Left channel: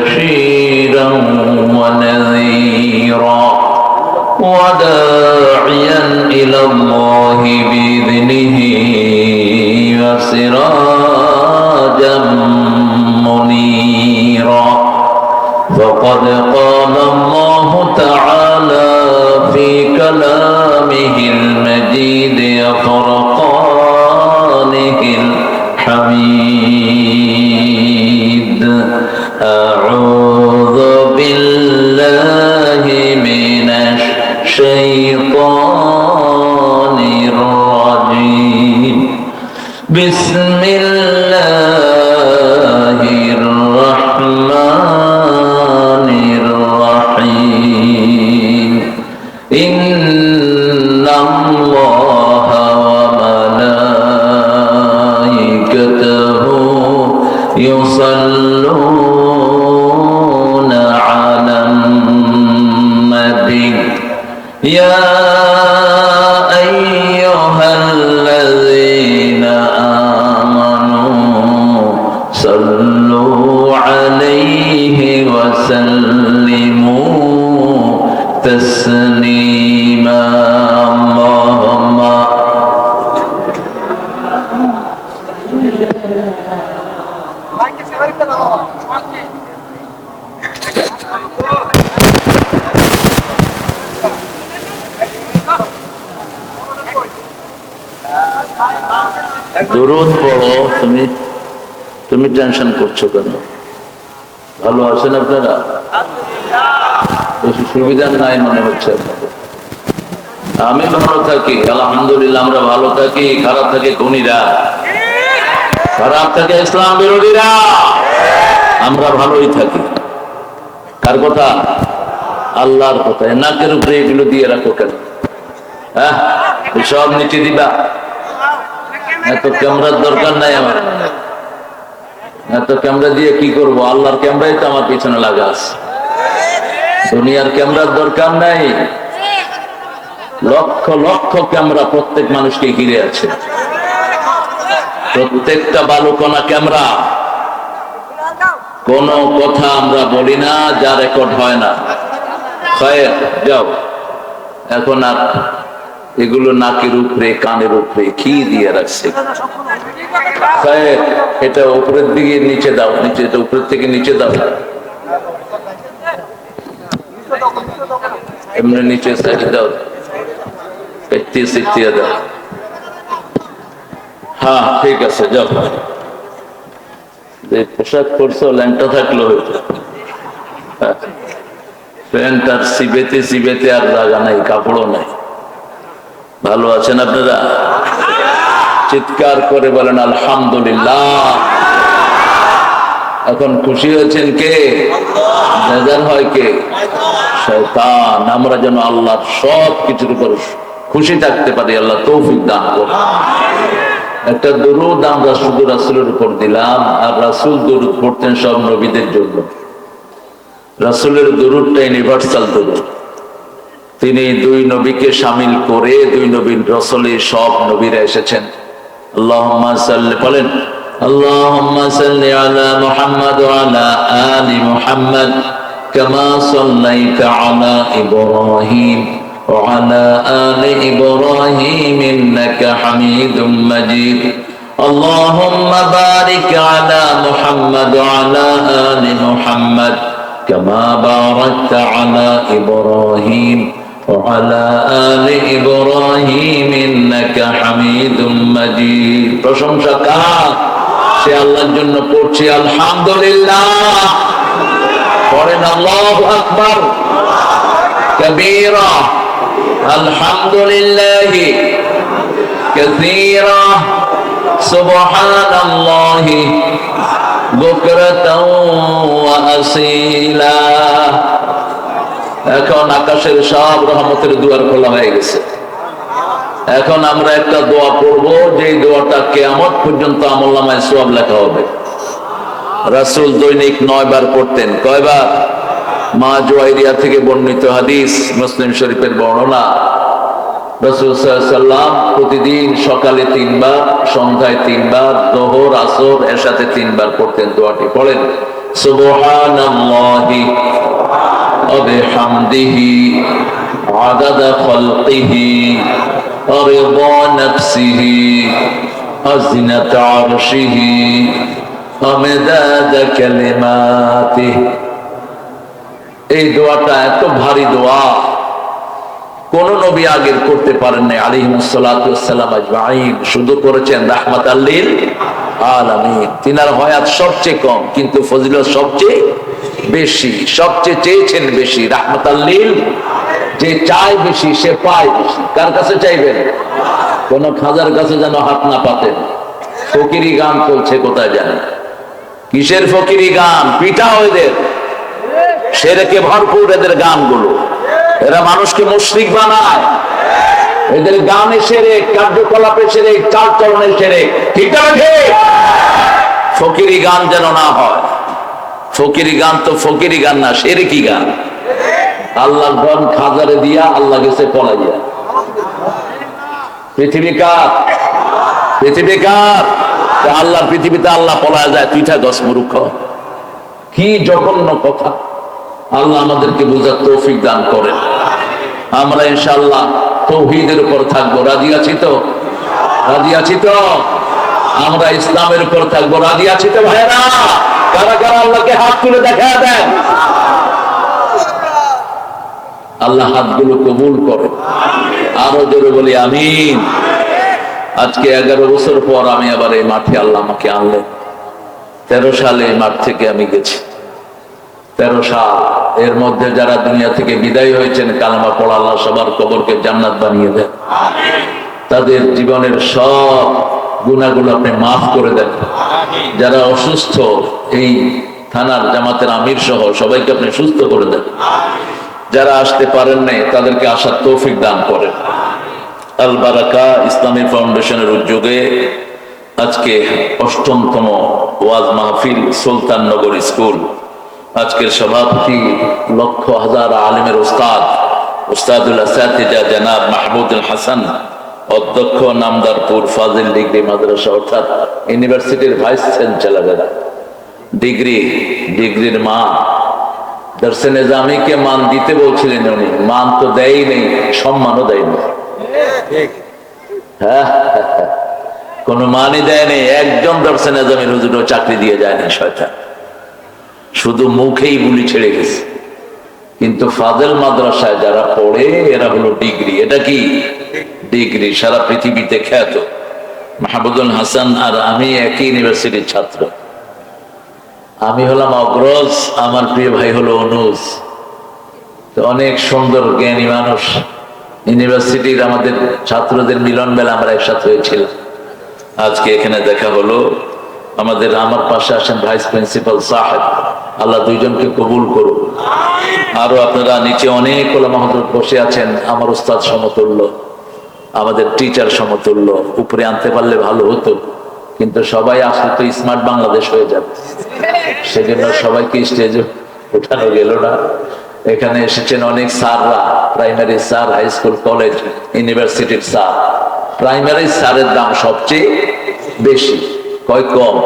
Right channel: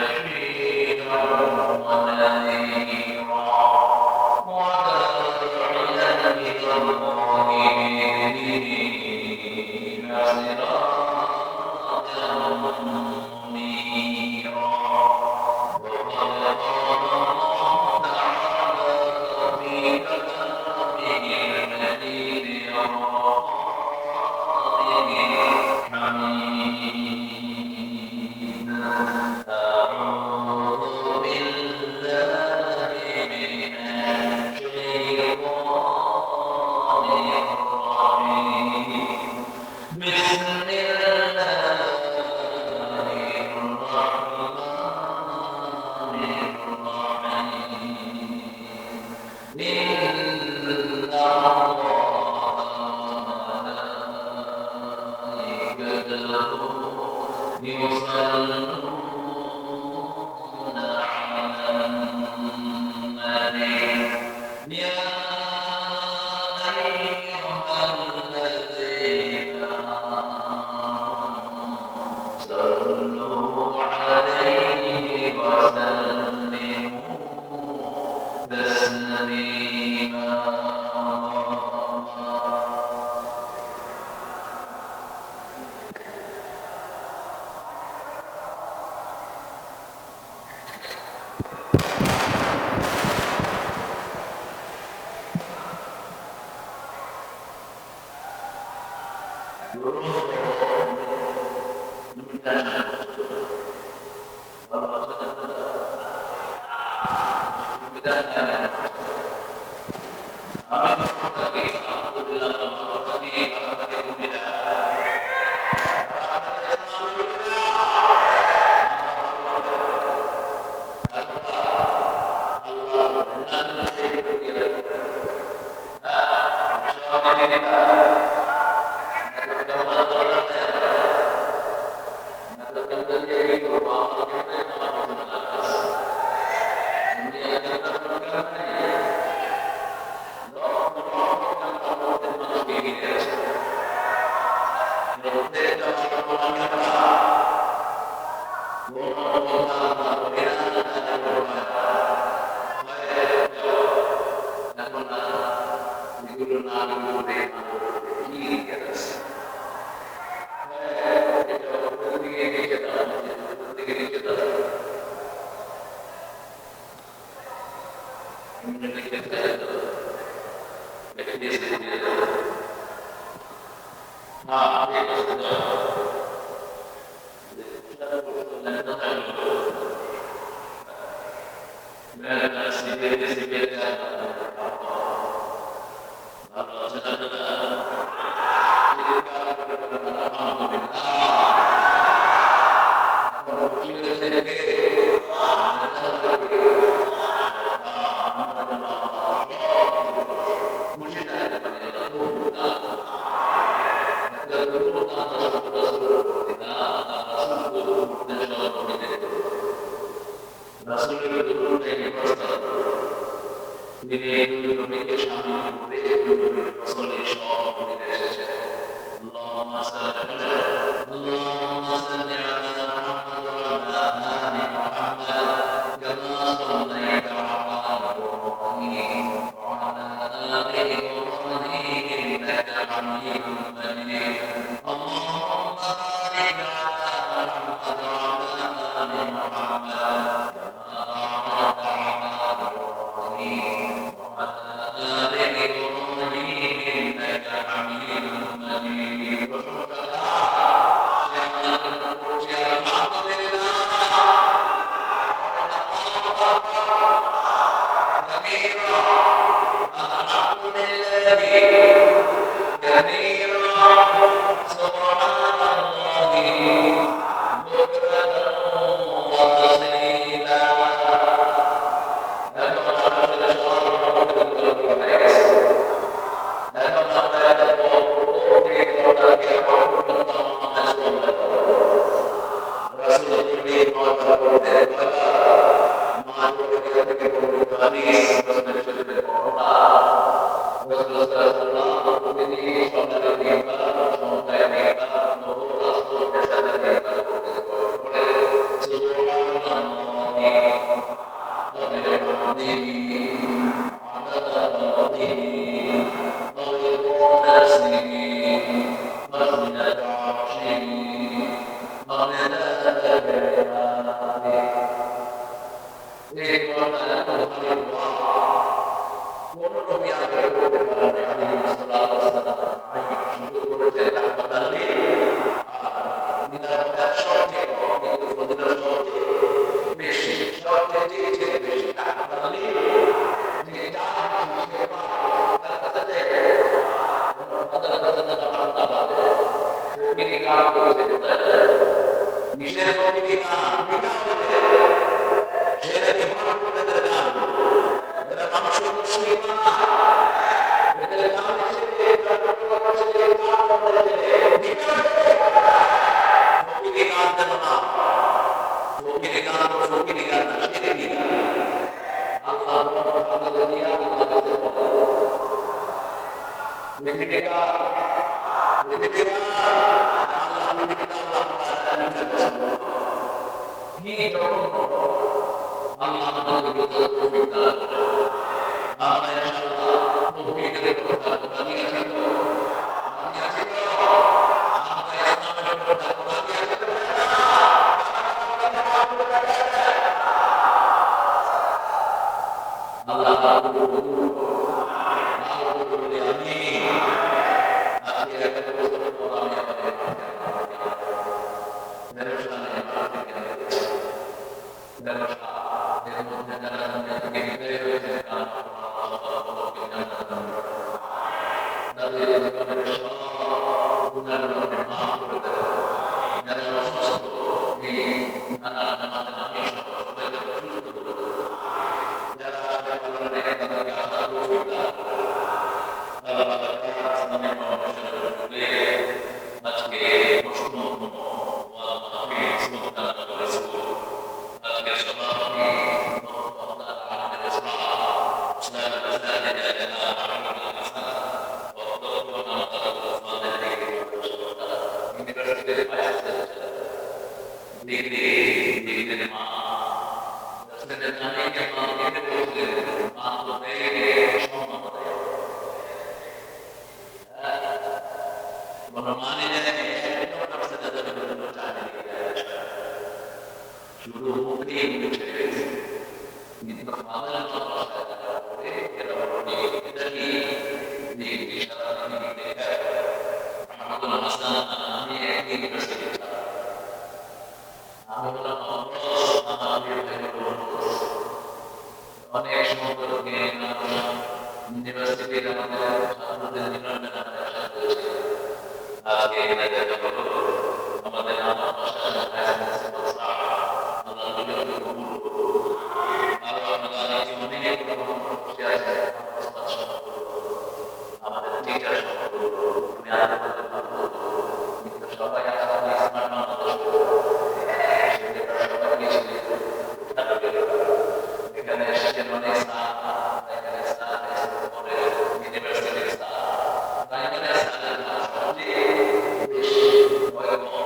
بشيرا ونذيرا وداعيا يصلون আমরা ভালো থাকি, খারাপ থাকে খুনিরা। খারাপ থাকে ইসলাম বিরোধীরা। আমরা ভালোই থাকি। কার কথা? আল্লাহর কথা। নাকের উপরে এগুলো দিয়ে রাখো কেন? হ্যাঁ? সব নিচে দিবা। এত ক্যামেরার দরকার নাই আমার। এত ক্যামেরা দিয়ে কি করব? আল্লাহর ক্যামেরাই তো আমার পিছনে লাগা আছে। দুনিয়ার ক্যামেরার দরকার নাই। লক্ষ লক্ষ ক্যামেরা প্রত্যেক মানুষকে ঘিরে আছে। প্রত্যেকটা বালুকণা ক্যামেরা। কোন কথা আমরা বলি না, যা রেকর্ড হয় না। যাও। এখন আর এগুলো নাকের উপরে, কানের উপরে, কি দিয়ে রাখছে? এটা উপরের দিকে, নিচে দাও, নিচে, এটা উপরের থেকে নিচে দাও। এমনি নিচে সাইড দাও। পেত্তি সিটিয়ে হ্যাঁ ঠিক আছে যে পোশাক পরছো, ল্যাংটা থাকল হ্যাঁ। প্যান্ট আর সিবেতে সিবেতে আর নাই, কাপড়ও নাই। ভালো আছেন আপনারা? চিৎকার করে বলেন, আলহামদুলিল্লাহ। এখন খুশি হয়েছেন কে? হয় কে? শয়তান। আমরা যেন আল্লাহর সব কিছুর উপর খুশি থাকতে পারি, আল্লাহ তৌফিক দান করুন। একটা দরুদ আমরা শুধু রাসুলের উপর দিলাম, আর রাসুল দরুদ পড়তেন সব নবীদের জন্য। রাসুলের দরুদটা ইউনিভার্সাল দরুদ। তিনি দুই নবীকে সামিল করে দুই নবীর রসলে সব নবীরা এসেছেন। সাল্লি, বলেন وعلى آل إبراهيم إنك حميد مجيد اللهم بارك على محمد وعلى آل محمد كما باركت على إبراهيم وعلى آل إبراهيم إنك حميد مجيد প্রশংসা কার সে আল্লাহর জন্য পড়ছি আলহামদুলিল্লাহ পড়েন আল্লাহু আকবার كبيرا الحمد لله كثيرا سبحان الله بكرة وأصيلا এখন আকাশের সব রহমতের দুয়ার খোলা হয়ে গেছে এখন আমরা একটা দোয়া পড়ব যে দোয়াটা কেয়ামত পর্যন্ত আমল্লামায় সোয়াব লেখা হবে রাসুল দৈনিক নয় বার পড়তেন কয়বার মা জোয়াইরিয়া থেকে বর্ণিত হাদিস মুসলিম শরীফের বর্ণনা রসুল সাল্লাম প্রতিদিন সকালে তিনবার সন্ধ্যায় তিনবার দোহর আসর এর সাথে তিনবার পড়তেন দোয়াটি পড়েন সুবহানাল্লাহি ওয়া বিহামদিহি আদাদা খালকিহি ورضا نفسه وزنة عرشه ومداد كلماته এই দোয়াটা এত ভারী দোয়া। কোন নবী আগের করতে পারেন নাই আলিহিমসালাম শুধু করেছেন রাহমাত আল্লিল তিনার হয়াত সবচেয়ে কম, কিন্তু ফজিলত সবচেয়ে বেশি, সবচেয়ে চেয়েছেন বেশি রাহমাত আল্লিল যে চায় বেশি, সে পায় বেশি। কার কাছে চাইবেন? কোন খাজার কাছে যেন হাত না পাতেন। ফকিরি গান চলছে কোথায় জানেন? কিসের ফকিরি গান? পিঠা এদের সেরেকে ভরপুর এদের গানগুলো। এরা মানুষকে মুশ্রিক বানায়। এদের গানে সেরে, কার্যকলাপে সেরে চাল চলনে সেরে ফকিরি গান যেন না হয়। ফকিরি গান তো ফকিরি গান না, সেরে কি গান? আল্লাহর ধন খাজারে দিয়া আল্লাহ গেছে পলাইয়া। পৃথিবী কার? পৃথিবী কার? আল্লাহর পৃথিবীতে আল্লাহ পলা যায়, তুই থাক মূর্খ। কি জঘন্য কথা। আল্লাহ আমাদেরকে বোঝার তৌফিক দান করেন। আমরা ইনশাল্লাহ তৌহিদের উপর থাকব। রাজি আছি তো? রাজি আছি তো? আমরা ইসলামের উপর থাকব। রাজি আছি তো ভাইরা কারা কারা আল্লাহকে হাত তুলে দেখা দেন? আল্লাহ হাতগুলো কবুল করে। আরও জোরে বলি, আমিন। আজকে এগারো বছর পর আমি আবার এই মাঠে আল্লাহ আমাকে আনলেন। তেরো সালে এই মাঠ থেকে আমি গেছি। তেরো সাল। এর মধ্যে যারা দুনিয়া থেকে বিদায় হয়েছেন, কালামা পড়া আল্লাহ সবার কবরকে জান্নাত বানিয়ে দেন। তাদের জীবনের সব গুণাগুলো আপনি মাফ করে দেন। যারা অসুস্থ, এই থানার জামাতের আমির সহ সবাইকে আপনি সুস্থ করে দেন। যারা আসতে পারেন নাই, তাদেরকে আসার তৌফিক দান করেন। আল বারাকা ইসলামী ফাউন্ডেশনের উদ্যোগে আজকে অষ্টমতম ওয়াজ মাহফিল সুলতাননগর স্কুল আজকের সভাপতি লক্ষ হাজার আলিমের ওস্তাদ ওস্তাদুল আসাতিজা জানাব মাহমুদুল হাসান, অধ্যক্ষ নামদারপুর ফাজিল ডিগ্রি মাদ্রাসা, অর্থাৎ ইউনিভার্সিটির ভাইস চ্যান্সেলারেরা ডিগ্রি, ডিগ্রির মা। দর্শে মান দিতে বলছিলেন উনি। মান তো দেয় নেই, সম্মানও দেয়নি হ্যাঁ কোন মানই দেয়নি একজন দর্শে হুজুরও চাকরি দিয়ে যায়নি শয়তান। শুধু মুখেই বুলি ছেড়ে গেছে। কিন্তু ফাজেল মাদ্রাসায় যারা পড়ে, এরা হলো ডিগ্রি। এটা কি? ডিগ্রি সারা পৃথিবীতে খ্যাত। মাহবুদুল হাসান আর আমি একই ইউনিভার্সিটির ছাত্র। আমি হলাম অগ্রজ, আমার প্রিয় ভাই হলো অনুজ। অনেক সুন্দর, জ্ঞানী মানুষ। ইউনিভার্সিটির আমাদের ছাত্রদের মিলন মেলা আমরা একসাথে হয়েছিলাম। আজকে এখানে দেখা হলো। আমাদের আমার পাশে আসেন ভাইস প্রিন্সিপাল সাহেব। আল্লাহ দুইজনকে কবুল করুন আরও আপনারা নিচে অনেক মাহদুর বসে আছেন, আমার উস্তাদ সমতুল্য, আমাদের টিচার সমতুল্য। উপরে আনতে পারলে ভালো হতো, কিন্তু সবাই আসলে তো স্মার্ট বাংলাদেশ হয়ে যাবে। সেজন্য সবাইকে স্টেজে উঠানো গেল না। এখানে এসেছেন অনেক স্যাররা primary sir high school college ইউনিভার্সিটির স্যার। প্রাইমারি স্যারের দাম সবচেয়ে বেশি। কয়, কম।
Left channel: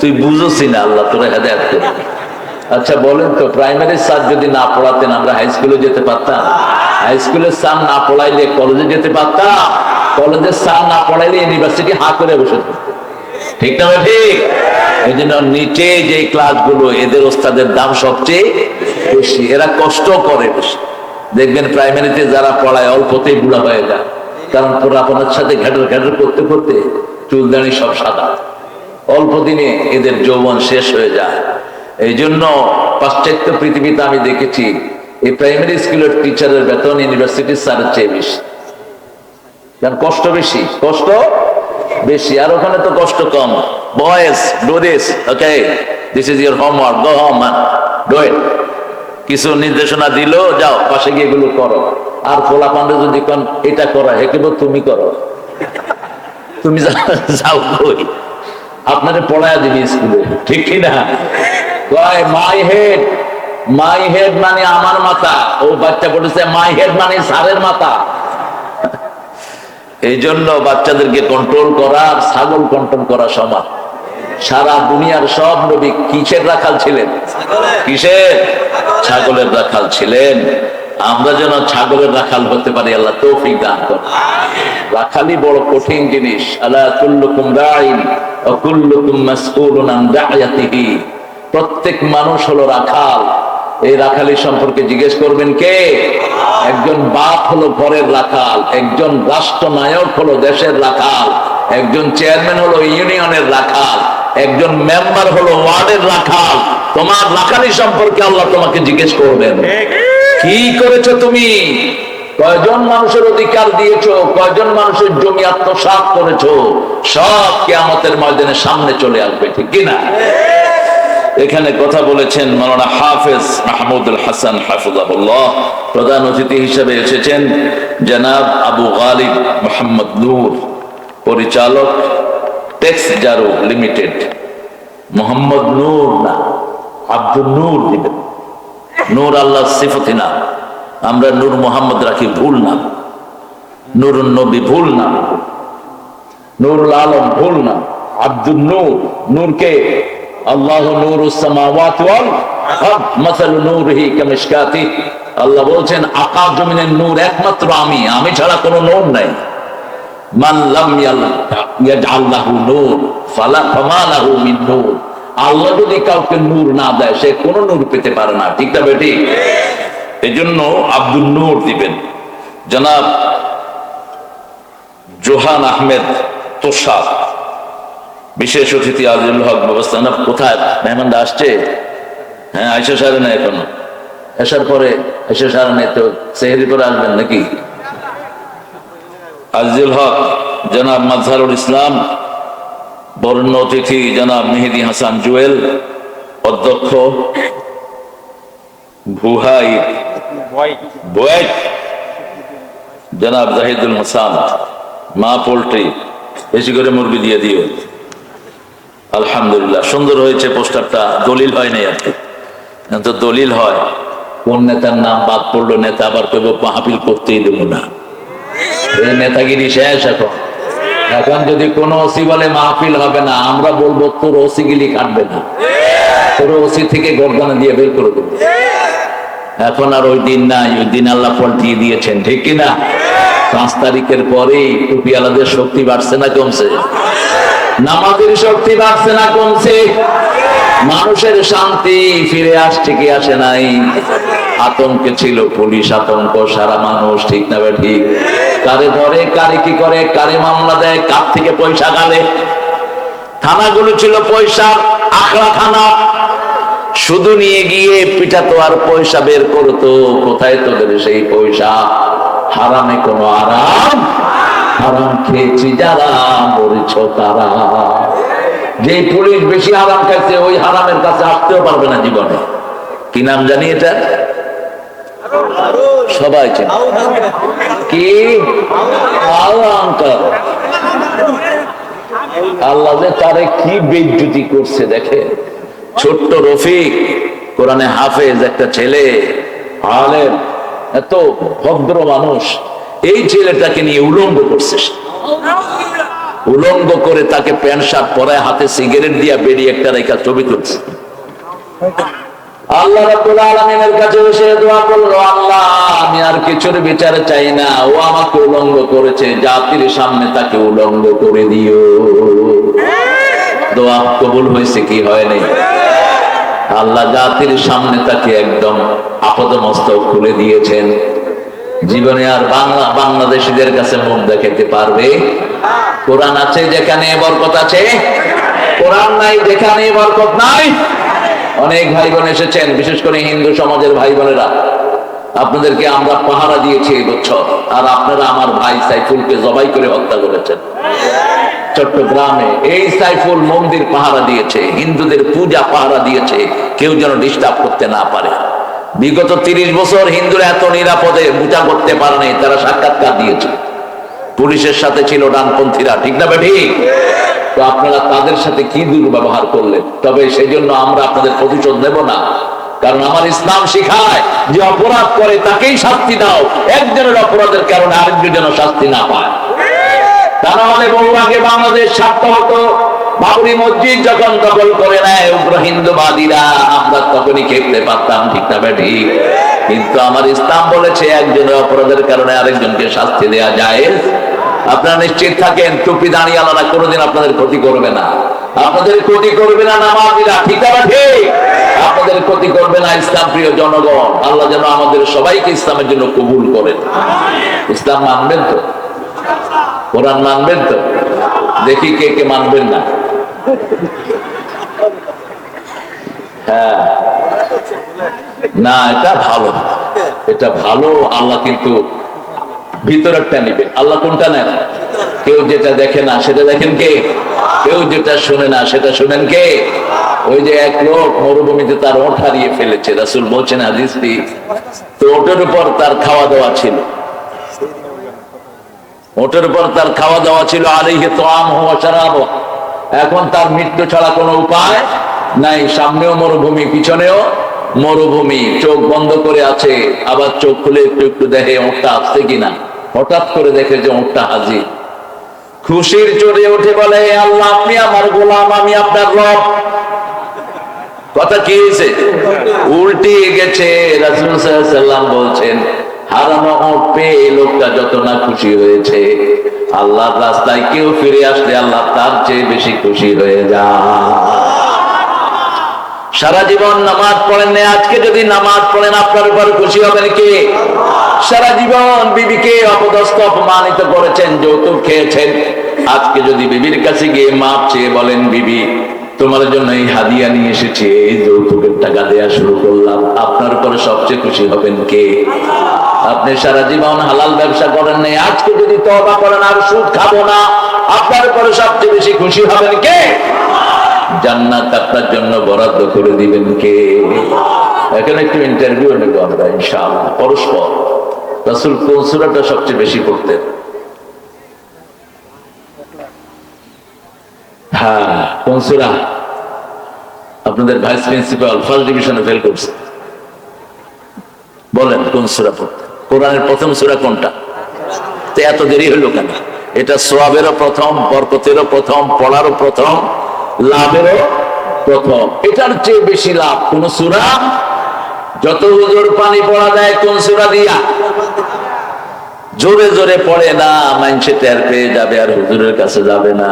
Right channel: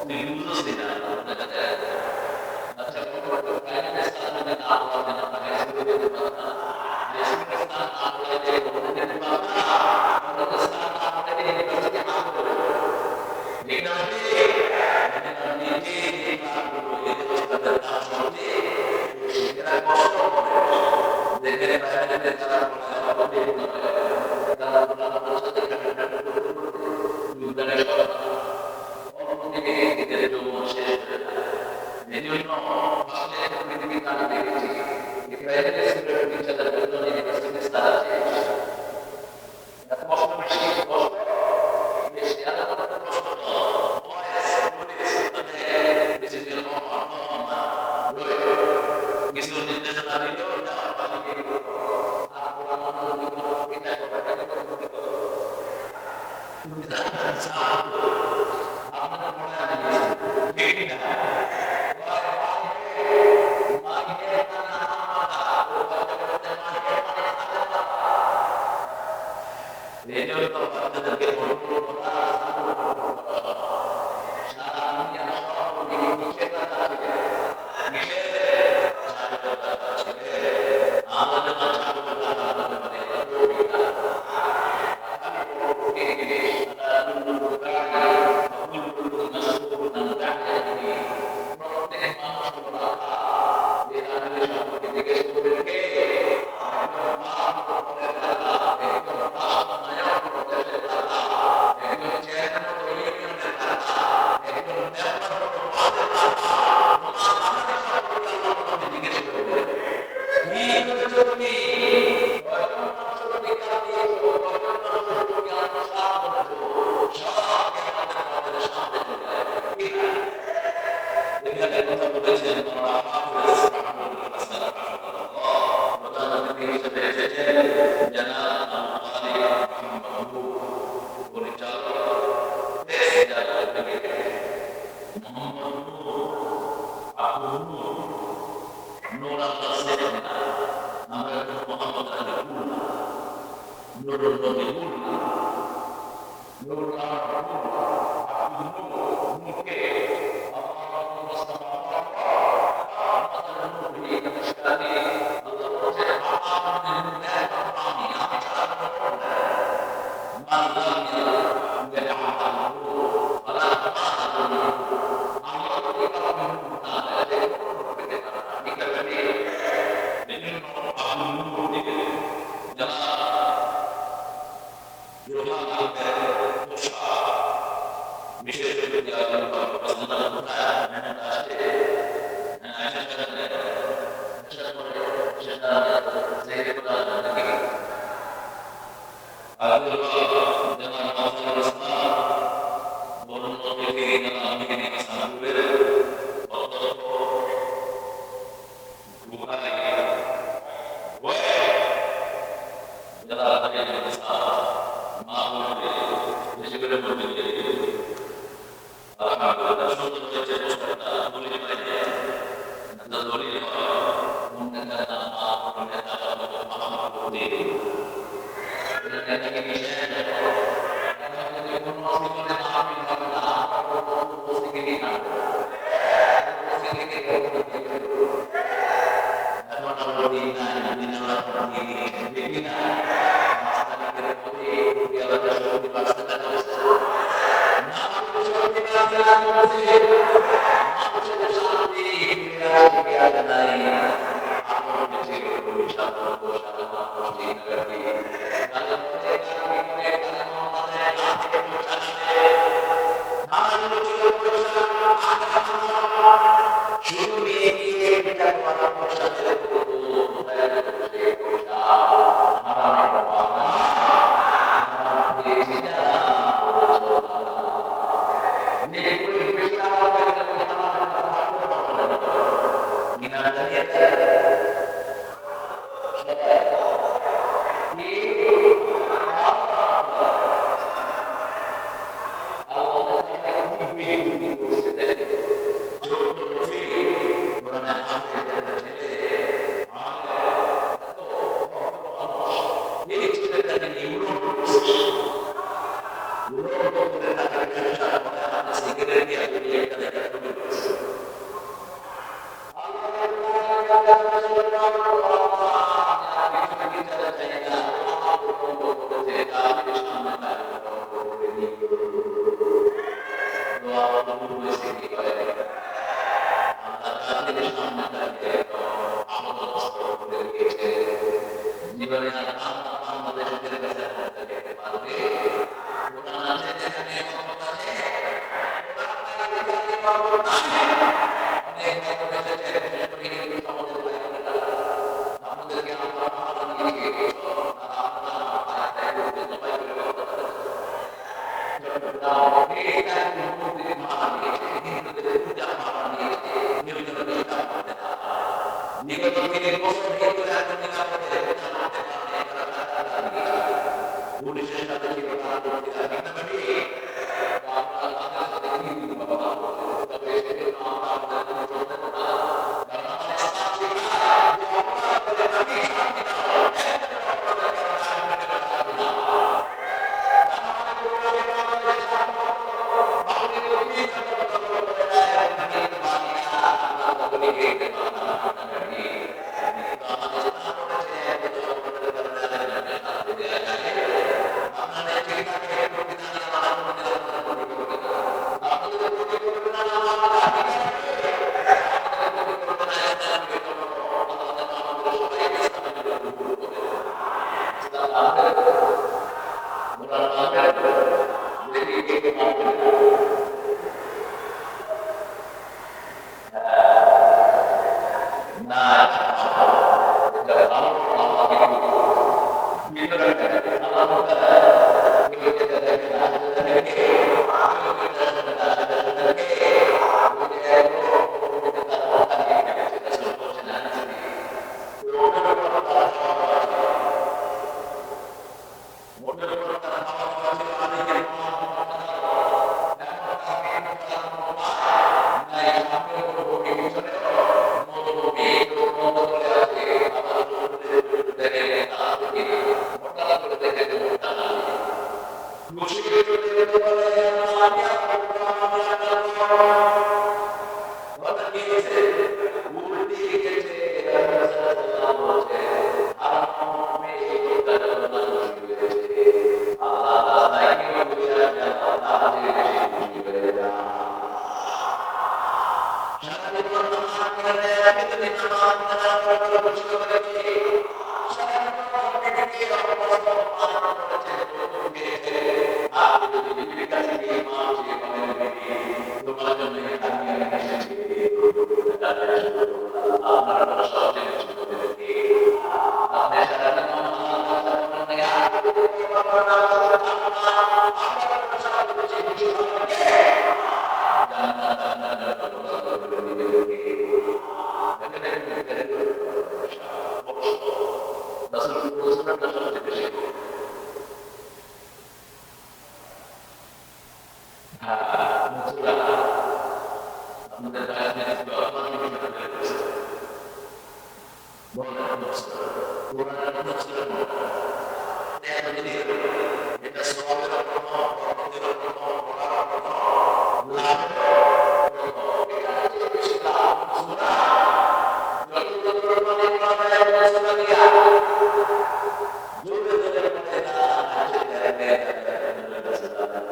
তুই বুঝোসি না, আল্লাহ তোরা হেদায়ত করে আচ্ছা বলেন তো প্রাইমারি স্যার যদি না পড়াতেন, আমরা হাই স্কুলে যেতে পারতাম? হাই স্কুলের স্যার না পড়াইলে কলেজে যেতে পারতাম? কলেজের স্যার না পড়াইলে ইউনিভার্সিটি হা করে বসে ঠিক না ঠিক। এই জন্য নিচে যে ক্লাসগুলো এদের ওস্তাদের দাম সবচেয়ে বেশি। এরা কষ্ট করে বেশি। দেখবেন প্রাইমারিতে যারা পড়ায়, অল্পতেই বুড়া হয়ে যায়। কারণ পোড়াপনার সাথে ঘ্যাটর ঘ্যাটর করতে করতে চুলদানি সব সাদা। অল্প দিনে এদের যৌবন শেষ হয়ে যায়। এই জন্য পাশ্চাত্য পৃথিবীতে আমি দেখেছি, এই প্রাইমারি স্কুলের টিচারের বেতন ইউনিভার্সিটির স্যারের চেয়ে বেশি। কারণ কষ্ট বেশি কষ্ট বেশি। আর ওখানে তো কষ্ট কম। Boys do okay this is your homework go home do it কিছু নির্দেশনা দিল, যাও, পাশে গিয়ে এগুলো করো। আর পোলা পান্ডে যদি এটা করা হে কেবল তুমি করো। তুমি যাও কই? আপনারে পড়ায় দিবি স্কুলে। ঠিক কি না? কয় মাই হেড মাই হেড মানে আমার মাথা। ও বাচ্চা পড়েছে মাই হেড মানে সারের মাথা। এই জন্য বাচ্চাদেরকে কন্ট্রোল করা আর ছাগল কন্ট্রোল করা সমান। সারা দুনিয়ার সব নবী কিসের রাখাল ছিলেন? কিসের? ছাগলের রাখাল ছিলেন। আমরা যেন ছাগলের রাখাল হতে পারি, আল্লাহ তৌফিক দান করেন। রাখালি বড় কঠিন জিনিস। আলা কুল্লুকুম রাইন ওয়া কুল্লুকুম মাসউলুন আন রা'য়াতিহি প্রত্যেক মানুষ হলো রাখাল। এই রাখালি সম্পর্কে জিজ্ঞেস করবেন কে? একজন বাপ হলো ঘরের রাখাল, একজন রাষ্ট্রনায়ক হলো দেশের রাখাল, একজন চেয়ারম্যান হলো ইউনিয়নের রাখাল, একজন মেম্বার হলো ওয়ার্ডের রাখাল। তোমার রাখালি সম্পর্কে আল্লাহ তোমাকে জিজ্ঞেস করবেন। কি করেছ তুমি? কয়জন মানুষের অধিকার দিয়েছ? কয়জন মানুষের জমি আত্মসাৎ করেছ? সব কেয়ামতের ময়দানের সামনে চলে আসবে, ঠিক কিনা এখানে কথা বলেছেন মাওলানা হাফেজ মাহমুদুল হাসান হাফিজাহুল্লাহ, প্রধান অতিথি হিসেবে এসেছেন জনাব আবু গালিব মোহাম্মদ নূর, পরিচালক টেক্স জারো লিমিটেড। মোহাম্মদ নূর না, আব্দুল নূর দিবেন। নূর আল্লাহ সিফতি নাম আমরা নূর মোহাম্মদ রাখি ভুল নাম নূর নবী ভুল নাম নূরুল আলম ভুল নাম আব্দুল নূর। নূরকে আল্লাহ নূর সামাওয়াত ওয়াল আরদ। মাসালু নূরিহি কামিশকাতি। আল্লাহ বলছেন, আকাশ জমিনের নূর একমাত্র আমি। আমি ছাড়া কোনো নূর নাই। মান লাম ইয়াজআল লাহু নূর, ফালা ফামা মিন নূর। আল্লাহ যদি কাউকে নূর না দেয়, সে কোনো নূর পেতে পারে না। ঠিক না বেটি? এই জন্য আব্দুল নূর দিবেন। জনাব জোহান আহমেদ তোষাদ বিশেষ অতিথি আজিজুল হক ব্যবস্থাপনা কোথায়? মেহমানরা আসছে? হ্যাঁ আইসা সারে না এখনও। আসার পরে আইসা সারে নেই তো সেহেরি করে আসবেন নাকি? আজিজুল হক, জনাব মাজহারুল ইসলাম বরণ্য অতিথি জনাব মেহেদি হাসান জুয়েল, অধ্যক্ষ ভুহাই জনাব জাহিদুল হাসান, মা পোল্ট্রি, বেশি করে মুরগি দিয়ে দিও। আলহামদুলিল্লাহ, সুন্দর হয়েছে পোস্টারটা, দলিল হয় নাই আর কি তো দলিল হয়, কোন নেতার নাম বাদ পড়ল, নেতা আবার কেউ মাহফিল করতেই দেবো না। নেতাগিরি শেষ এখন। এখন যদি কোনো ওসি বলে মাহফিল হবে না, আমরা বলব, তোর ওসি গিলি কাটবে না। তোর ওসি থেকে গর্দানা দিয়ে বের করে দেবো। এখন আর ওই দিন নাই, ওই দিন আল্লাহ পাল্টিয়ে দিয়েছেন, ঠিক কিনা পাঁচ তারিখের পরেই টুপিওয়ালাদের শক্তি বাড়ছে না কমছে? নামাজের শক্তি বাড়ছে না কমছে? মানুষের শান্তি ফিরে আসছে কি আসে নাই? আতঙ্কে ছিল পুলিশ আতঙ্ক, সারা মানুষ, ঠিক না ঠিক? কারে ধরে, কারে কি করে, কারে মামলা দেয়, কার থেকে পয়সা গালে? থানাগুলো ছিল পয়সা আখড়া থানা। শুধু নিয়ে গিয়ে পিঠাতো আর পয়সা বের করতো, কোথায় তোদের সেই পয়সা? হারামে কোনো আরাম? হারাম খেয়েছি যারা, মরেছ তারা। যে পুলিশ বেশি হারাম খাইছে, ওই হারামের কাছে আসতেও পারবে না জীবনে। কি নাম জানি এটা? সবাই চেনে। কি? আল্লাহ যে তারে কি বেজ্জুতি করছে দেখে ছোট্ট রফিক, কোরআনে হাফেজ একটা ছেলে, আলেম, এত ভদ্র মানুষ। এই ছেলেটাকে নিয়ে উলঙ্গ করছে উলঙ্গ করে তাকে প্যান্ট শার্ট পরায় হাতে সিগারেট দিয়া বেরিয়ে একটা রেখা ছবি তুলছে। আল্লাহ রাব্বুল আলামিনের কাছে এসে দোয়া করল, আল্লাহ, আমি আর কিছুর বিচার চাই না। ও আমাকে উলঙ্গ করেছে, জাতির সামনে তাকে উলঙ্গ করে দিও। দোয়া কবুল হয়েছে কি হয় নাই? আল্লাহ জাতির সামনে তাকে একদম আপদ মস্তক খুলে দিয়েছেন। জীবনে আর বাংলা, বাংলাদেশিদের কাছে মুখ দেখাতে পারবে। কোরআন আছে যেখানে বরকত আছে? কোরআন নাই যেখানে বরকত নাই? অনেক ভাই বোন এসেছেন, বিশেষ করে হিন্দু সমাজের ভাই বোনেরা আপনাদেরকে আমরা পাহারা দিয়েছি এই বছর, আর আপনারা আমার ভাই সাইফুলকে জবাই করে হত্যা করেছেন। চট্টগ্রামে এই সাইফুল মন্দির পাহারা দিয়েছে, হিন্দুদের পূজা পাহারা দিয়েছে, কেউ যেন ডিস্টার্ব করতে না পারে। বিগত তিরিশ বছর হিন্দুরা এত নিরাপদে পূজা করতে পারেনি তারা সাক্ষাৎকার দিয়েছে। পুলিশের সাথে ছিল ডানপন্থীরা, ঠিক না ঠিক? তো আপনারা তাদের সাথে কি দুর্ব্যবহার করলেন? তবে সেই জন্য আমরা আপনাদের প্রতিশোধ নেব না। কারণ আমার ইসলাম শিখায় যে অপরাধ করে তাকেই শাস্তি দাও, একজনের অপরাধের কারণে আরেকজন যেন শাস্তি না পায়। বহু আগে বাংলাদেশ স্বার্থ হতো। বাবরি মসজিদ যখন দখল করে নেয় উগ্র হিন্দুবাদীরা, আমরা তখনই খেলতে পারতাম, ঠিক না কিন্তু আমার ইসলাম বলেছে, একজনের অপরাধের কারণে আরেকজনকে শাস্তি দেওয়া যায়। আপনারা নিশ্চিত থাকেন, টুপি দাঁড়িয়ে আলাদা কোনোদিন আপনাদের ক্ষতি করবে না। আপনাদের ক্ষতি করবে না ঠিক ঠিক? আপনাদের ক্ষতি করবে না ইসলাম, প্রিয় জনগণ। আল্লাহ যেন আমাদের সবাইকে ইসলামের জন্য কবুল করেন। ইসলাম মানবেন তো? কোরআন মানবেন তো? দেখি কে কে মানবেন না। হ্যাঁ। না, এটা ভালো। এটা ভালো, আল্লাহ কিন্তু ভিতরেরটা নিবে। আল্লাহ কোনটা নেন? কেউ যেটা দেখে না, সেটা দেখেন কে? কেউ যেটা শুনে না, সেটা শুনেন কে? ওই যে এক লোক মরুভূমিতে তার ওঠ হারিয়ে ফেলেছে। রাসুল বলছেন হাদিসটি তো ওটার উপর তার খাওয়া দাওয়া ছিল। ওটার উপর তার খাওয়া দাওয়া ছিল আলিহে তো আম হওয়া চারাবো এখন তার মৃত্যু ছাড়া কোনো উপায় নাই। সামনেও মরুভূমি, পিছনেও মরুভূমি। চোখ বন্ধ করে আছে। আবার চোখ খুলে একটু একটু দেখে ওটা আসছে কিনা। হঠাৎ করে দেখে যে ওটা হাজির। খুশির চড়ে উঠে বলে আল্লাহ, আপনি আমার গোলাম, আমি আপনার রব। কথা কি হয়েছে? উল্টে গেছে, রাসুল বলছেন, হারানো ওট পেয়ে লোকটা যত না খুশি হয়েছে রাস্তায় কেউ ফিরে আসলে আল্লাহ তার চেয়ে বেশি খুশি হয়ে যায়। সারা জীবন নামাজ পড়েন আজকে যদি নামাজ পড়েন, আপনার উপর খুশি হবেন কে? সারা জীবন বিবিকে অপদস্থ, অপমানিত করেছেন, যৌতুক খেয়েছেন। আজকে যদি বিবির কাছে গিয়ে মাপ চেয়ে বলেন, বিবি, তোমার জন্য এই হাদিয়া নিয়ে এসেছি, এই যৌতুকের টাকা দেয়া শুরু করলাম। আপনার উপরে সবচেয়ে খুশি হবেন কে? আপনি সারা জীবন হালাল ব্যবসা করেন নাই, আজকে যদি তবা করেন, আর সুদ খাব না, আপনার উপরে সবচেয়ে বেশি খুশি হবেন কে? জান্নাত আপনার জন্য বরাদ্দ করে দিবেন কে? এখানে একটু ইন্টারভিউ নেব আমরা, ইনশাআল্লাহ, পরস্পর। রাসুল কোন সুরাটা সবচেয়ে বেশি পড়তেন? হ্যাঁ কোন সুরা? আপনাদের ভাইস প্রিন্সিপাল ফার্স্ট ডিভিশনে ফেল করছে। বলেন, কোন সুরা পড়তে কোরআনের প্রথম সুরা কোনটা? তো এত দেরি হলো কেন? এটা সোয়াবেরও প্রথম, বরকতেরও প্রথম, পড়ারও প্রথম, লাভেরও প্রথম। এটার চেয়ে বেশি লাভ কোন সুরা? যত পানি পড়া দেয় কোন সুরা দিয়া? জোরে জোরে পড়ে না মাইনসে টের পেয়ে যাবে আর হুজুরের কাছে যাবে না।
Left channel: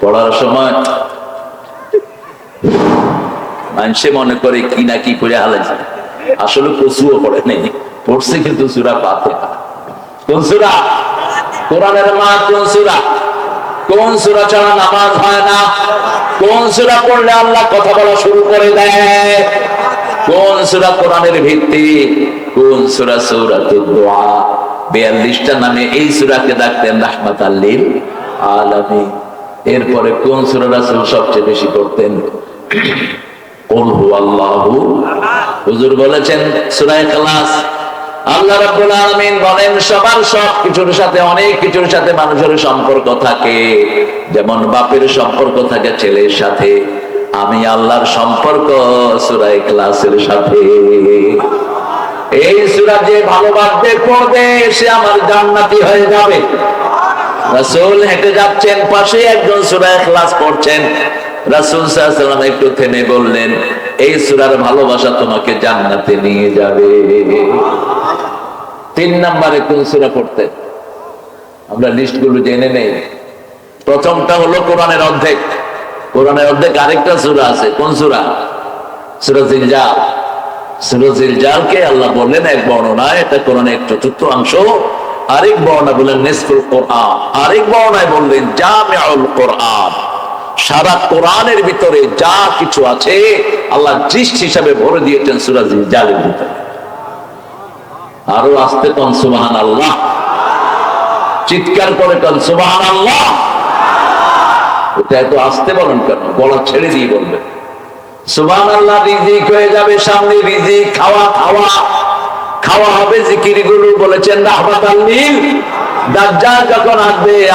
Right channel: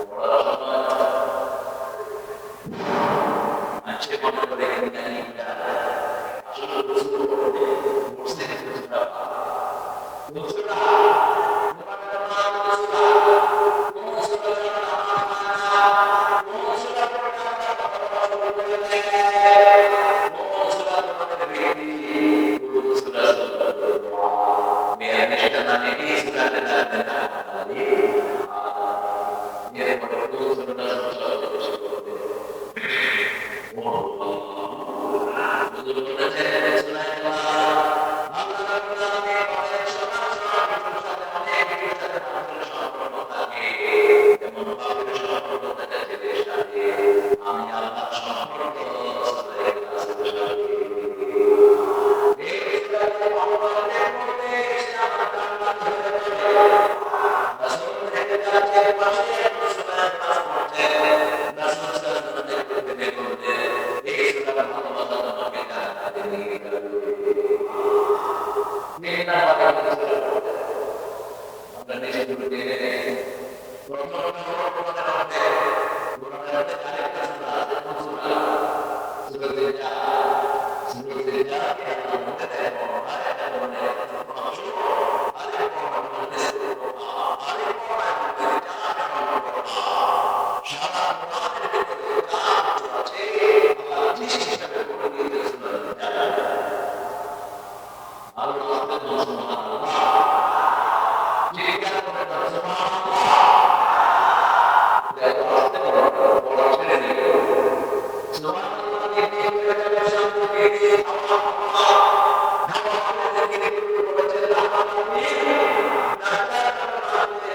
পড়ার সময় মাইনসে মনে করে কি না কি করে হালাইছে আসলে কচুও পড়ে নেই, পড়ছে কিন্তু সুরা পাতে কোন সুরা? কোরআনের মা কোন সুরা? কোন সুরা ছাড়া নামাজ হয় না? কোন সুরা পড়লে আল্লাহ কথা বলা শুরু করে দেয়? কোন সুরা কোরআনের ভিত্তি? কোন সুরা সুরা দোয়া বিয়াল্লিশটা নামে এই সুরাকে ডাকতেন রাহমাত আল্লিল আলামী এরপরে কোন সুরা রাসূল সবচেয়ে বেশি করতেন যেমন বাপের সম্পর্ক থাকে ছেলের সাথে। আমি আল্লাহর সম্পর্ক সূরা ইখলাসের সাথে। এই সূরা যে ভালোবাসবে, পড়বে, সে আমার জান্নাতি হয়ে যাবে। রাসূল হেঁটে যাচ্ছেন, পাশে একজন সূরা ইখলাস পড়ছেন। রাসূল সাল্লাল্লাহু একটু থেমে বললেন, এই সূরার ভালোবাসা তোমাকে জান্নাতে নিয়ে যাবে। তিন নম্বরে কোন সূরা পড়তে? আমরা লিস্টগুলো জেনে নেই। প্রথমটা হলো কোরআনের অর্ধেক। কোরআনের অর্ধেক আরেকটা সূরা আছে। কোন সূরা? সূরা জিলজাল। সুরজিল জালকে আল্লাহ বললেন, এক বর্ণনায় এটা কোরআনের চতুর্থ অংশ। আরেক বর্ণনা বললেন নেসকুল কোরআন। আরেক বর্ণায় বললেন, জামিউল কোরআন। সারা কোরআনের ভিতরে যা কিছু আছে, আল্লাহ দৃষ্টি হিসাবে ভরে দিয়েছেন সুরাজিল জালের ভিতরে। আরও আসতে কন সুবাহান আল্লাহ চিৎকার করে কন সুবাহান আল্লাহ এটা এত আসতে বলেন কেন? গলা ছেড়ে দিয়ে বলবে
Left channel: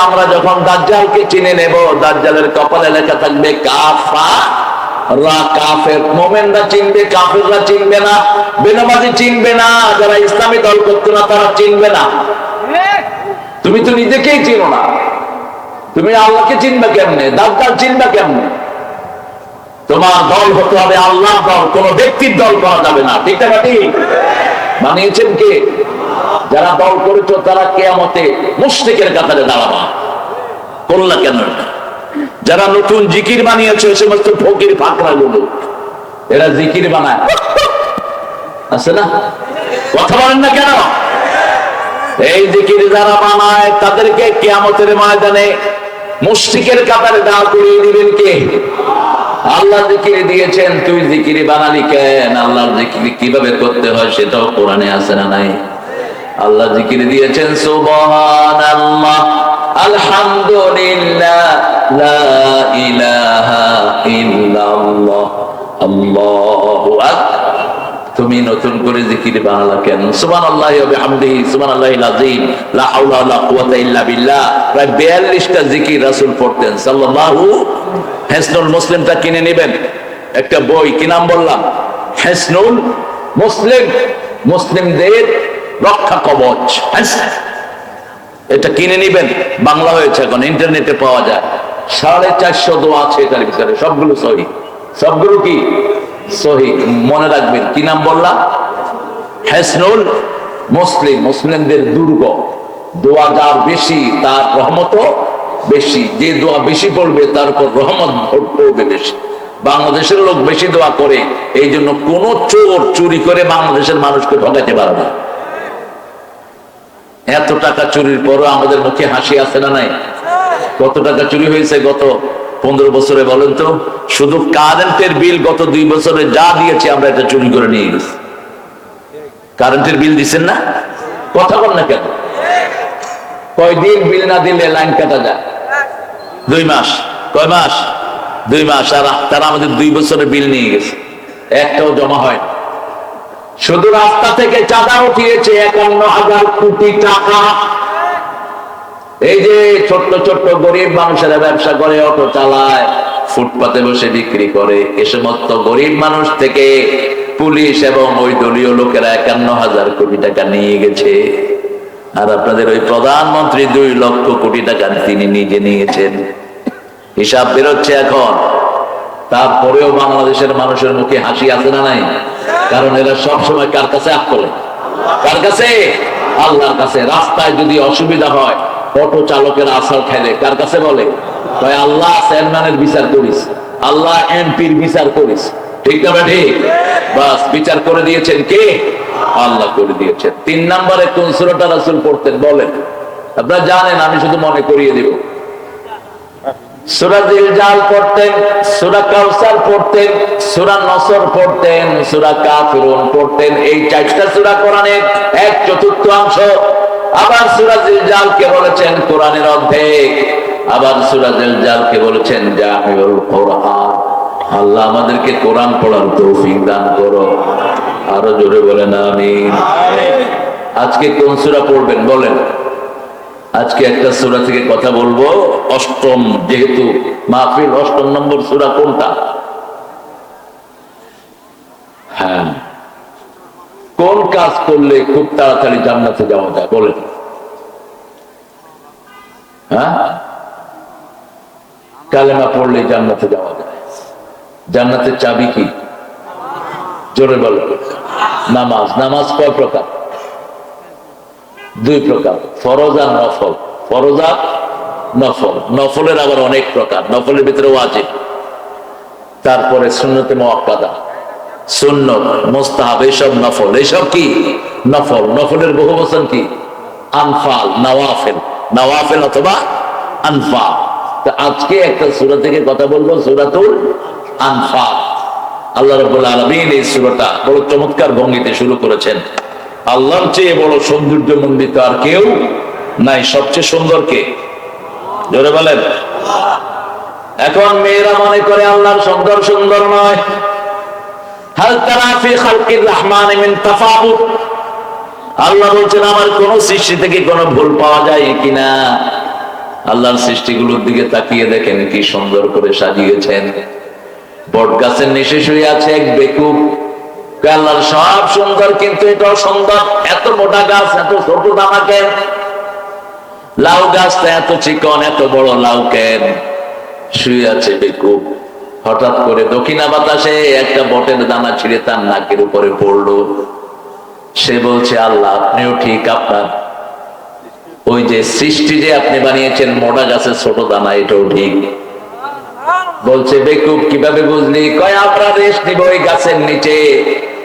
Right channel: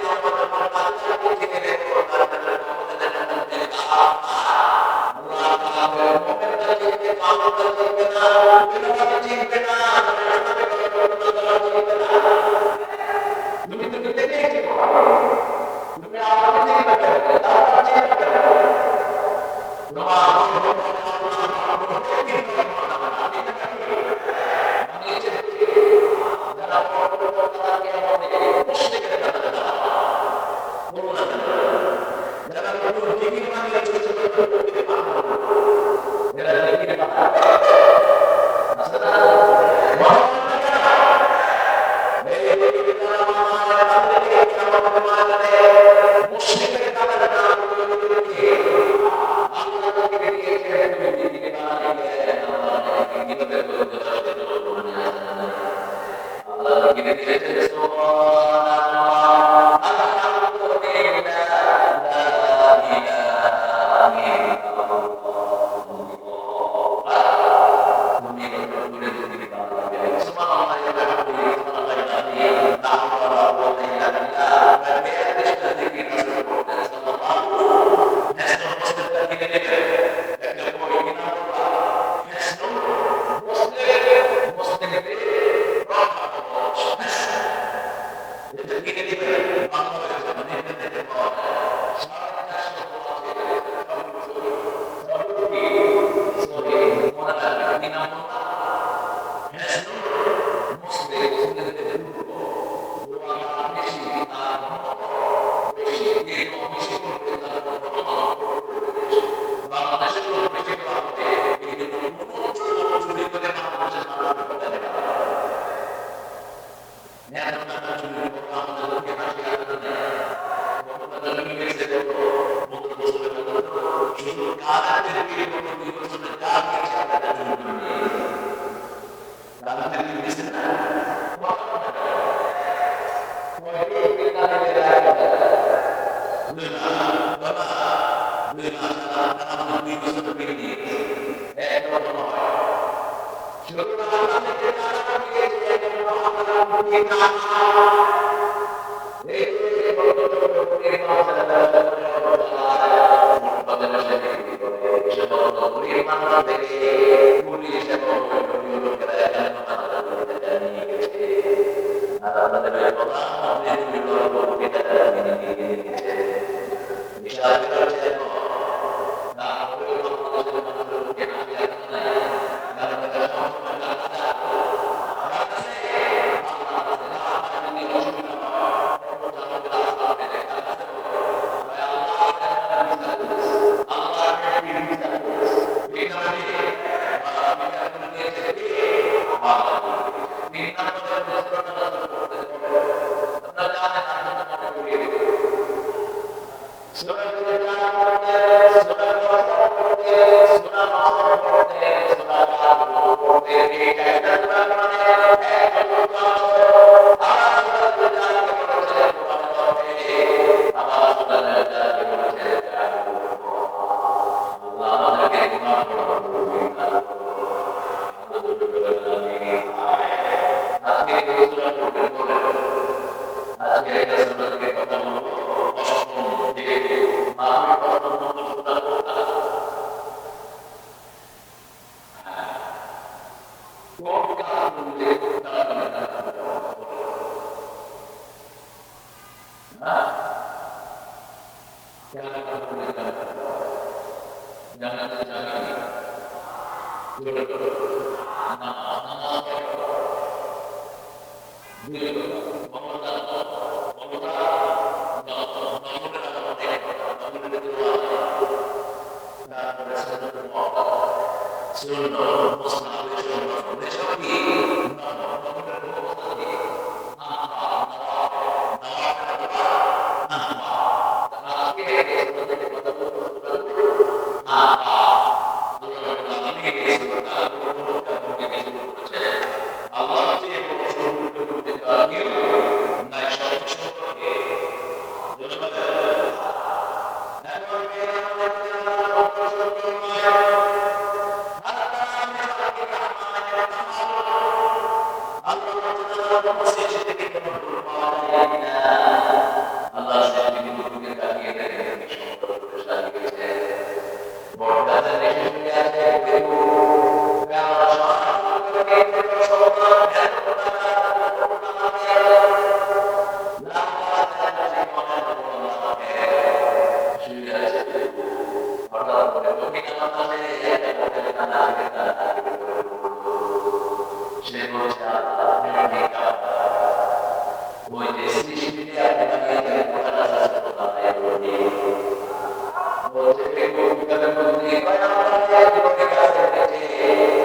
আমরা যখন দাজ্জালকে চিনে নেব, দাজ্জালের কপালে লেখা থাকবে কাফের। মোমেনরা চিনবে, কাফেররা চিনবে না, বেনামাজি চিনবে না, যারা ইসলামী দল করতো না, তারা চিনবে না। তুমি তো নিজেকেই চিনো না। তুমি আল্লাহকে চিনবে কেমনে? দাজ্জাল চিনবে কেমনে? তোমার দল হতে হবে আল্লাহ দল, কোন ব্যক্তির দল করা যাবে না। ঠিক না ঠিক? বানিয়েছেন কে? যারা দল করেছ, তারা কেয়ামতে মুশরিকের কাতারে দাঁড়াবা। করলা কেন যারা নতুন জিকির বানিয়েছে ওই সমস্ত ফকির ফাকরা গুলো এরা জিকির বানায়। আছে না? কথা বলেন না কেন? এই জিকির যারা বানায়, তাদেরকে কেয়ামতের ময়দানে মুশরিকের কাতারে দাঁড় করিয়ে দিবেন কে? আল্লাহ জিকির দিয়েছেন, তুই জিকিরি বানালি কেন? আল্লাহর জিকির কীভাবে করতে হয় সেটাও কোরআনে আছে না নাই? আল্লাহ জিকির দিয়েছেন, সুবহানাল্লাহ, আলহামদুলিল্লাহ আল্লাহু তুমি নতুন করে জিকির বানালা কেন? সুবহানাল্লাহি ওয়া বিহামদিহি সুবহানাল্লাহিল আযীম লা হাওলা ওয়া লা কুওয়াতা ইল্লা বিল্লাহ। প্রায় 42টা জিকির রাসূল পড়তেন, সাল্লাল্লাহু হেসনুল মুসলিমটা কিনে নেবেন। একটা বই, কি নাম বললাম? হেসনুল মুসলিম, মুসলিমদের রক্ষা কবচ। এটা কিনে নিবেন। বাংলা হয়েছে এখন, ইন্টারনেটে পাওয়া যায়। সাড়ে চারশো দোয়া আছে এটার ভিতরে, সবগুলো সহি। সবগুলো কি? সহি, মনে রাখবেন। কি নাম বললাম? হেসনুল মুসলিম, মুসলিমদের দুর্গ। দোয়া যার বেশি, তার রহমত বেশি, যে দোয়া বেশি পড়বে তার উপর রহমত ভোট পড়বে বেশি। বাংলাদেশের লোক বেশি দোয়া করে, এই জন্য কোন চোর চুরি করে বাংলাদেশের মানুষকে ঠকাতে পারবে এত টাকা চুরির পরও আমাদের মুখে হাসি আছে না নাই? কত টাকা চুরি হয়েছে গত পনেরো বছরে বলেন তো? শুধু কারেন্টের বিল গত দুই বছরে যা দিয়েছি আমরা এটা চুরি করে নিয়ে গেছি। কারেন্টের বিল দিচ্ছেন না? কথা বল না কেন? কয়দিন বিল না দিলে লাইন কাটা যায়? দুই মাস। কয় মাস? দুই মাস। আর তারা আমাদের দুই বছরের বিল নিয়ে গেছে। একটাও জমা হয়। শুধু রাস্তা থেকে চাঁদা উঠিয়েছে একান্ন হাজার কোটি টাকা। এই যে ছোট্ট ছোট্ট গরিব মানুষেরা ব্যবসা করে, অটো চালায়, ফুটপাতে বসে বিক্রি করে, এ সমস্ত গরিব মানুষ থেকে পুলিশ এবং ওই দলীয় লোকেরা একান্ন হাজার কোটি টাকা নিয়ে গেছে। আর আপনাদের ওই প্রধানমন্ত্রী দুই লক্ষ কোটি টাকা তিনি নিজে নিয়েছেন। হিসাব বেরোচ্ছে এখন। তারপরেও বাংলাদেশের মানুষের মুখে হাসি আছে না নাই? কারণ এরা সব সময় কার কাছে আপ করে কার কাছে? আল্লাহর কাছে। রাস্তায় যদি অসুবিধা হয়, অটো চালকের আসার খেলে কার কাছে বলে? কয়, আল্লাহ চেয়ারম্যানের বিচার করিস। আল্লাহ এমপির বিচার করিস। ঠিক না ঠিক। বাস, বিচার করে দিয়েছেন কে? আল্লাহ করে দিয়েছেন তিন নম্বরে কোন সুরটা রাসুল পড়তেন বলেন? আপনারা জানেন, আমি শুধু মনে করিয়ে দেব। সুরা পড়তেন, সুরা কাউসার পড়তেন, সুরা নসর পড়তেন, সুরা পড়তেন। এই চারটা সুরা কোরআনের এক চতুর্থ অংশ। আবার সুরা জালকে বলেছেন কোরআনের অর্ধেক। আবার সুরা জালকে বলেছেন জামিউল কোরআন। আল্লাহ আমাদেরকে কোরআন পড়ার তৌফিক দান করো। আরও জোরে বলেন, আমিন। আজকে কোন সুরা পড়বেন বলেন। আজকে একটা সুরা থেকে কথা বলব। অষ্টম, যেহেতু মাহফিল অষ্টম নম্বর সুরা কোনটা? হ্যাঁ। কোন কাজ করলে খুব তাড়াতাড়ি জান্নাতে যাওয়া যায়, বলেন। হ্যাঁ? কালেমা পড়লে জান্নাতে যাওয়া যায়। জান্নাতের চাবি কি? জোরে বলে নামাজ নামাজ কয় প্রকার? দুই প্রকার, ফরজ আর নফল। ফরজ আর নফল। নফলের আবার অনেক প্রকার, নফলের ভিতরে ওয়াজিব। তারপরে সুন্নতে মোয়াক্কাদা সুন্নত, মোস্তাহাব, এইসব নফল। এইসব কি? নফল। নফলের বহু বচন কি? আনফাল, নওয়াফেল। নওয়াফেল অথবা আনফাল। আজকে একটা সুরা থেকে কথা বলব, সুরাতুল আনফাল। আল্লাহ রবুল্লা আলমিন এই সুরাটা বড় চমৎকার ভঙ্গিতে শুরু করেছেন। আল্লাহর চেয়ে বড় সৌন্দর্য মন্ডিত আর কেউ নাই, সবচেয়ে সুন্দর কে? জোরে বলেন। এখন মেয়েরা মনে করে আল্লাহর সুন্দর সুন্দর নয়। আল্লাহ বলছেন, আমার কোন সৃষ্টি থেকে কোনো ভুল পাওয়া যায় কিনা? আল্লাহর সৃষ্টিগুলোর দিকে তাকিয়ে দেখেন কি সুন্দর করে সাজিয়েছেন। বট গাছের নিচে শুয়ে আছে এক বেকুব। আল্লাহর সব সুন্দর, কিন্তু এটাও সুন্দর। এত মোটা গাছ, এত ছোট দামা কেন লাউ গাছটা এত চিকন, এত বড় লাউ কেন শুয়ে আছে বেকুব। হঠাৎ করে দক্ষিণা বাতাসে একটা বটের দানা ছিঁড়ে তার নাকের উপরে পড়ল। সে বলছে, আল্লাহ, আপনিও ঠিক আপনার। ওই যে সৃষ্টি যে আপনি বানিয়েছেন মোটা গাছের ছোট দানা, এটাও ঠিক। বলছে বেকুব কীভাবে বুঝলি? কয়, আমরা রেস্ট নিব ওই গাছের নিচে।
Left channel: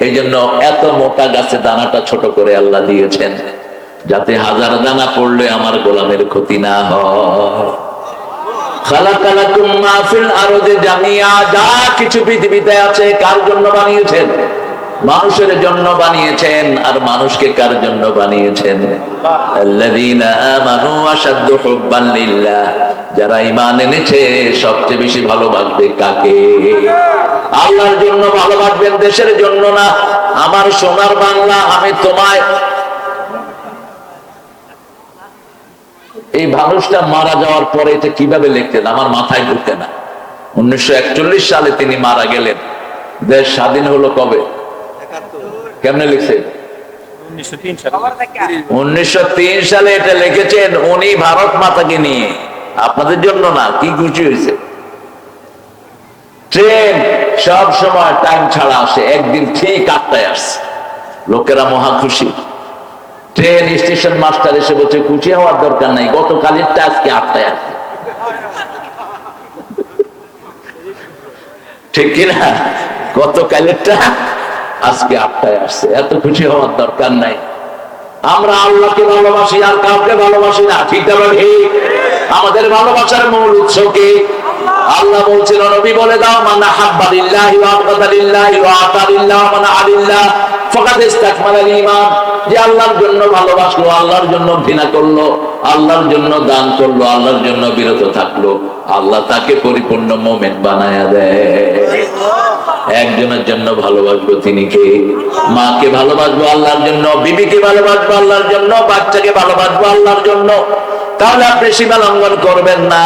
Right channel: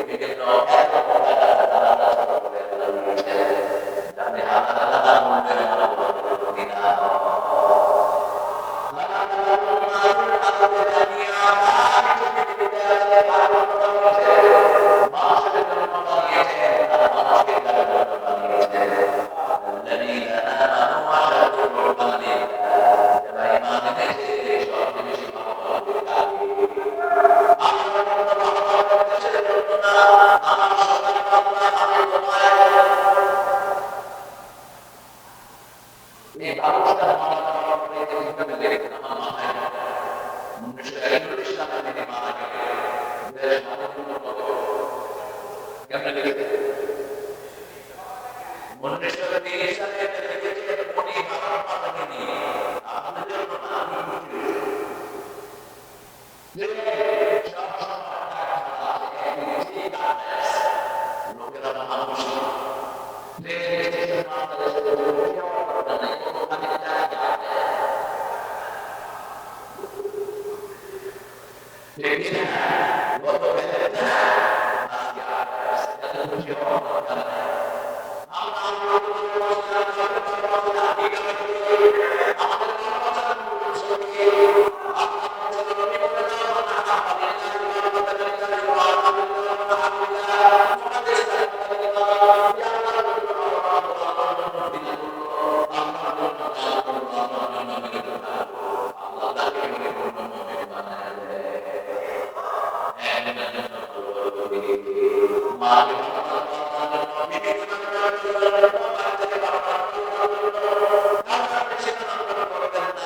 এই জন্য এত মোটা গাছে দানাটা ছোট করে আল্লাহ দিয়েছেন, যাতে হাজার দানা পড়লে আমার গোলামের ক্ষতি না যা কিছু পৃথিবীতে আছে কার জন্য বানিয়েছেন? মানুষের জন্য বানিয়েছেন, আর মানুষকে কার জন্য বানিয়েছেন? আল্লাযীনা যারা ঈমান এনেছে সবচেয়ে বেশি ভালোবাসবে কাকে? আল্লাহর জন্য ভালোবাসবেন দেশের জন্য না। আমার সোনার বাংলা আমি তোমায় এই মানুষটা মারা যাওয়ার পরে এটা কীভাবে লিখলেন আমার মাথায় ঢুকে না। উনিশশো একচল্লিশ সালে তিনি মারা গেলেন। দেশ স্বাধীন হলো কবে? কেমনে লিখছেন? উনিশশো তিন সালে এটা লিখেছেন উনি ভারত মাতাকে নিয়ে। আপনাদের জন্য না, কি খুশি হয়েছে? ট্রেন সব সময় টাইম ছাড়া আসে, একদিন ঠিক আটটায় আসছে। লোকেরা মহা খুশি। ট্রেন স্টেশন মাস্টার এসে বলছে, খুশি হওয়ার দরকার নাই গতকালেরটা আজকে আটটায় আসছে ঠিক কিনা? গতকালেরটা আজকে আটটায় আসছে, এত খুশি হওয়ার দরকার নাই। আমরা আল্লাহকে ভালোবাসি আর কাউকে ভালোবাসি না, ঠিক না ঠিক? আমাদের ভালোবাসার মূল উৎস কি? আল্লাহ বলছিল নবী বলে দাও, মানা হাব্বা লিল্লাহি ওয়া আবগাদা ওয়া আতালিল্লাহি মানা আলিল্লাহ ফাকাদ ইস্তাকমালাল ঈমান যে আল্লাহর জন্য ভালোবাসলো, আল্লাহর জন্য ঘৃণা করল, আল্লাহর জন্য দান করল, আল্লাহর জন্য বিরত থাকল, আল্লাহ তাকে পরিপূর্ণ মোমেন্ট বানায়া দেয়। একজনের জন্য ভালোবাসবো তিনি কে? মাকে ভালোবাসবো, আল্লাহর জন্য, বিবিকে ভালোবাসবো, আল্লাহর জন্য, বাচ্চাকে ভালোবাসবো, আল্লাহর জন্য। তাহলে আপনি সীমা লঙ্ঘন করবেন না।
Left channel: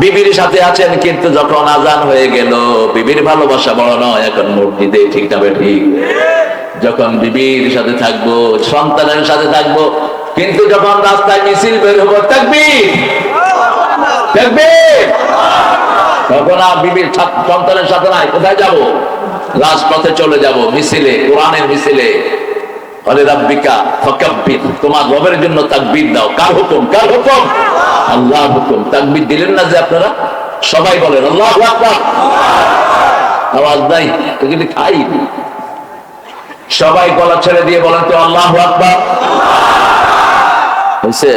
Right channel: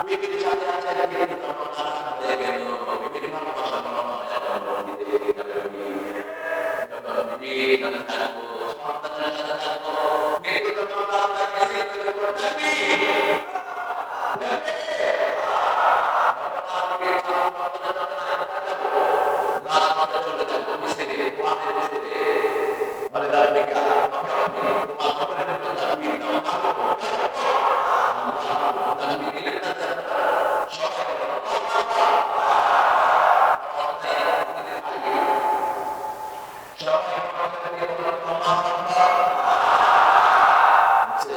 বিবির সাথে আছেন কিন্তু যখন আজান হয়ে গেল, বিবির ভালোবাসা বড় নয়, এখন মসজিদে ঠিক না ঠিক। যখন বিবির সাথে থাকব, সন্তানের সাথে থাকব, কিন্তু যখন রাস্তায় মিছিল বের হব থাকবি থাকবি তখন আর বিবির সন্তানের সাথে নাই, কোথায় যাব? রাজপথে চলে যাব, মিছিলে, কোরআনের মিছিলে। আরে রাব্বিকা ফাকাব্বির তোমার রবের জন্য তাকবীর দাও। কার হুকুম? কার হুকুম? আল্লাহ হুকুম। তাকবীর দিলেন না যে আপনারা? সবাই বলেন আল্লাহু আওয়াজ নাই তো কিন্তু খাই। সবাই গলা ছেড়ে দিয়ে বলেন তো আল্লাহু আকবার। হয়েছে?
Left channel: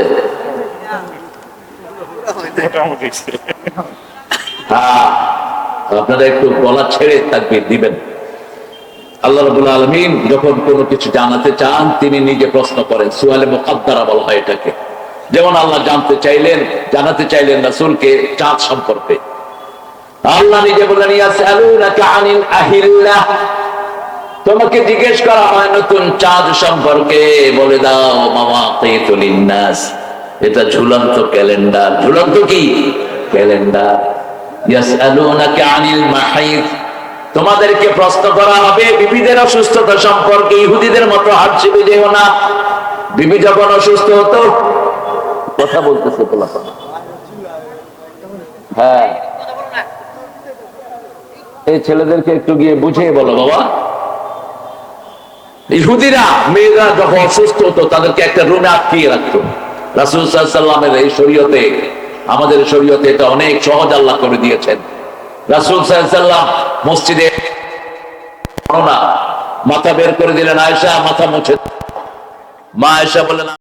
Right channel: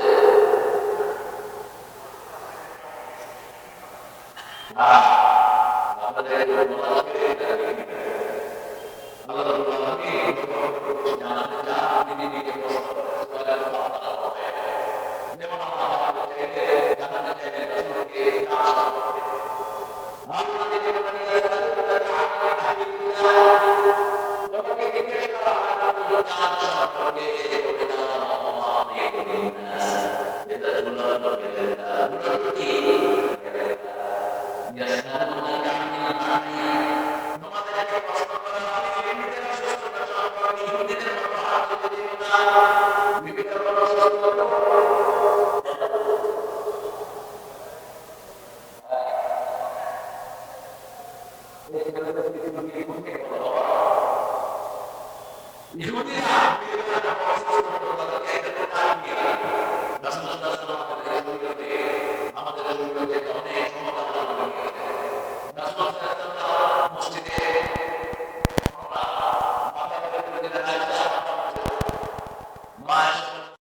হ্যাঁ। আপনারা একটু গলা ছেড়ে থাকবে দিবেন। আল্লাহ রবুল আলমিন যখন কোনো কিছু জানাতে চান, তিনি নিজে প্রশ্ন করেন, সুয়ালে মোকাদ্দারা বলা হয় এটাকে। যেমন আল্লাহ জানতে চাইলেন, জানাতে চাইলেন রাসূলকে চাঁদ সম্পর্কে। আল্লাহ নিজে তোমাকে জিজ্ঞেস করা হয়, নতুন চাঁদ সম্পর্কে। বলে দাও মামা এটা ঝুলন্ত ক্যালেন্ডার। ঝুলন্ত কি? ক্যালেন্ডার। ইয়াসআলুনাকা আনিল মাহিদ তোমাদেরকে প্রশ্ন করা হবে, বিবিদের অসুস্থতা সম্পর্কে ইহুদিদের মতো হাসিবে যেও না। বিবি যখন অসুস্থ হতো, কথা বলতেছে পোলাপান হ্যাঁ। এই ছেলেদেরকে একটু গিয়ে বুঝিয়ে বলো, বাবা। ইহুদিরা, মেয়েরা যখন অসুস্থ হতো, তাদেরকে একটা রুমে আটকিয়ে রাখতো। রাসুল সাল্লামের এই শরীয়তে, আমাদের শরীয়তে এটা অনেক সহজ আল্লাহ করে দিয়েছেন। রাসুল সাহেব মসজিদে মাথা বের করে দিলেন আয়সা মাথা মুছে মা আয়সা বললেন